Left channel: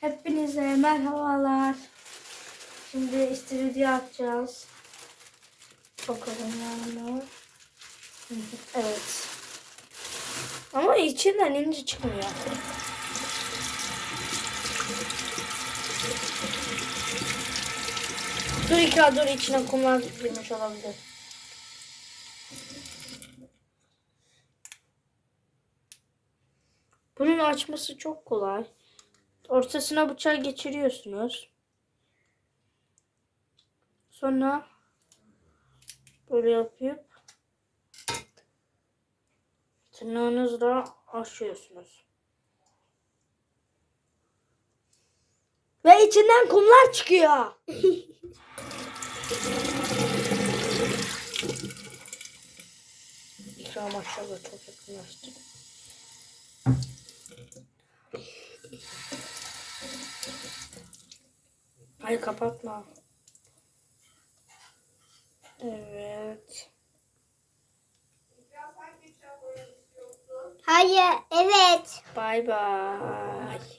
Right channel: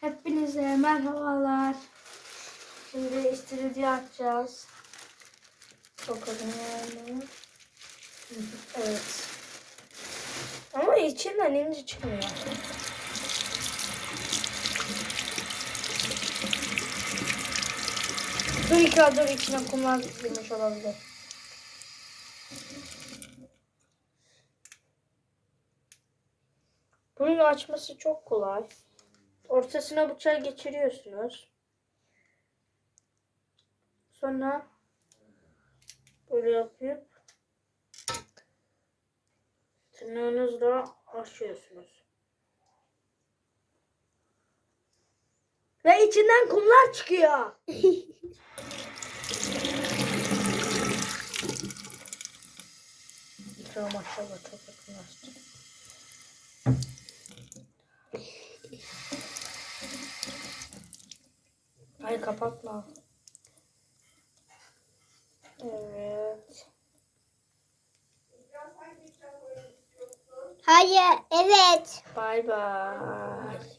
Hepinize merhabalar. Şimdi istiridye atacağız. Bakalım yani. Evet. Ama içinden ince çıkmıyor. Dur iki dur içine kumlar girmiş olabilir. Bunun açması çok kolay. Ortasına bıçağı geçiriyorsunuz. Sonra böyle yapıp tırnağınızla açıyorsunuz. Ve içinden kumlar çıkıyor. İkram aşağıda çok Hayır kapatma. Evet. Hayır, evet. Bay bay.